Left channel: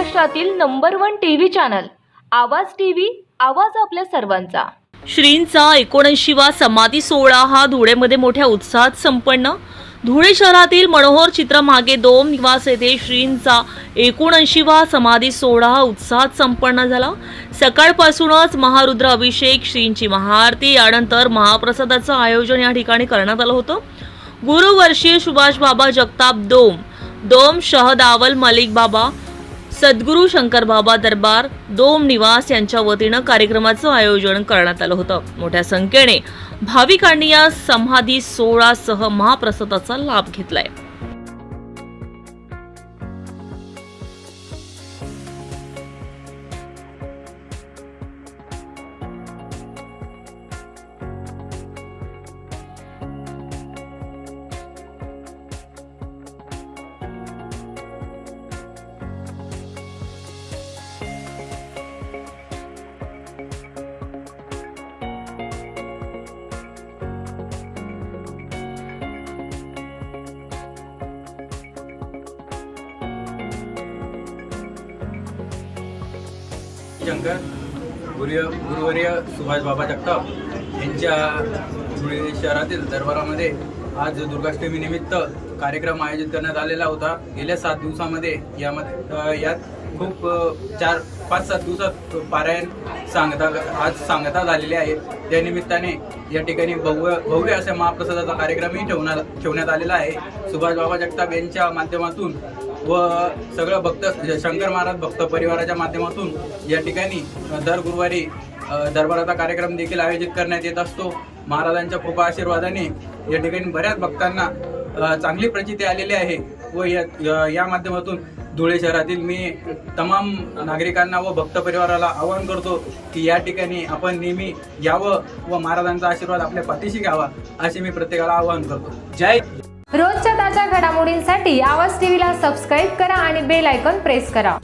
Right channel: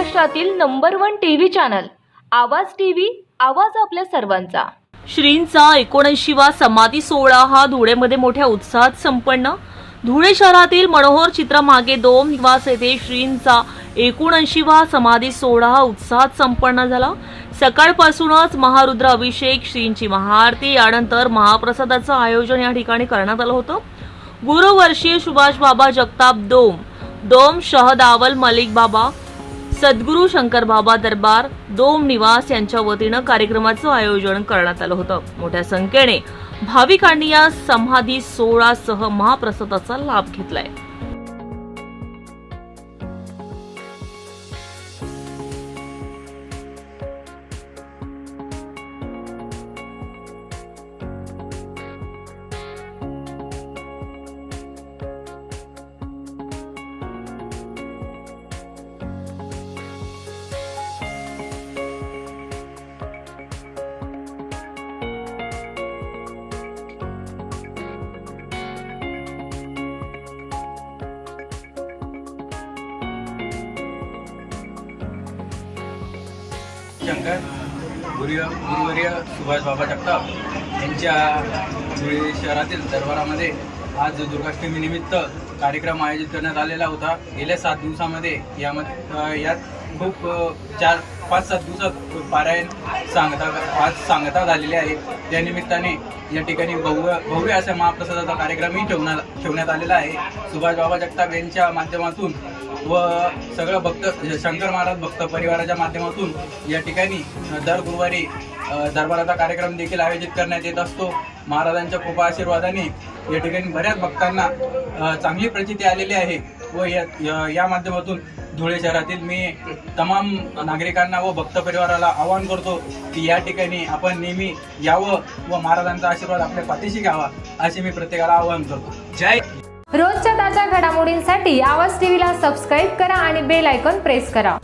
महाराष्ट्रातील number 1 TV channel आवाज TV, आवाज आपल्या सर्वांचा। श्रींचा 79वा समाधी सोहळा हा धुळेमध्ये मोठ्या उत्साहात संपन्न। धुळे शहरातील मनोहर चित्रमागे 2 निवास येथे श्रींचा 79वा समाधी सोहळा हा उत्साहात संपन्न झाला। सकाळपासूनच महारुद्र अभिषेक, श्रींची महाआरती, यानंतर महाप्रसादाचं आयोजन या ठिकाणी करण्यात आलं होतं। गुरुवर्षीय सुभाष बाबा जगताप डोम शहदावल मलिक बाबा, सद्गुरू शंकर बाबा दरबार डोम निवास यांच्या वतीनं कार्यक्रमाचं आयोजन करण्यात आलं होतं। मोठ्या संख्येने भाविकांनी या समाधी सोहळ्यासह महाप्रसादाचा लाभ घेतलाय। शंकर गुरुवर्य सुभाष बाबा जगताप यांच्या धुळे शहरातील दरबारामध्ये आज दुर्गाष्टमी निमित्त कार्यक्रम आयोजित करण्यात आलेला होता। गेल्या 7 दिवसामध्ये यात खूप 4-5-7 दिवसात पारायण सांगता झालेली आहे। या निमित्ताने या ठिकाणी भव्य अशा महाप्रसादाचा कार्यक्रमही ठेवण्यात आलेला आहे। सुभाष बाबा जगताप यांच्या माध्यमातून व सगळं भक्त शंकर महाराज भक्त परिवाराच्या माध्यमातून या ठिकाणी दर गुरुवारी दरबाराचा कार्यक्रम देखील आयोजित करण्यात येत असतो। महाराजांच्या कृपा आशीर्वादाने या ठिकाणी बऱ्याच भक्तांना चांगली प्रचिती आलेली आहे व या माध्यमातून धुळे शहरातील मी तमाम नागरिकांना व भक्त परिवाराला आवाहन करतो की या ठिकाणी आपण नेहमी यावं व महाराजांचा आशीर्वाद आपल्या पाठीशी घ्यावा, असे मी प्रत्येकाला आवाहन करतो। जय। रोजच्या ताज्या घडामोडींसाठी आवाज टीव्हीला सबस्क्राईब करा आणि बेल आयकॉन प्रेस करा।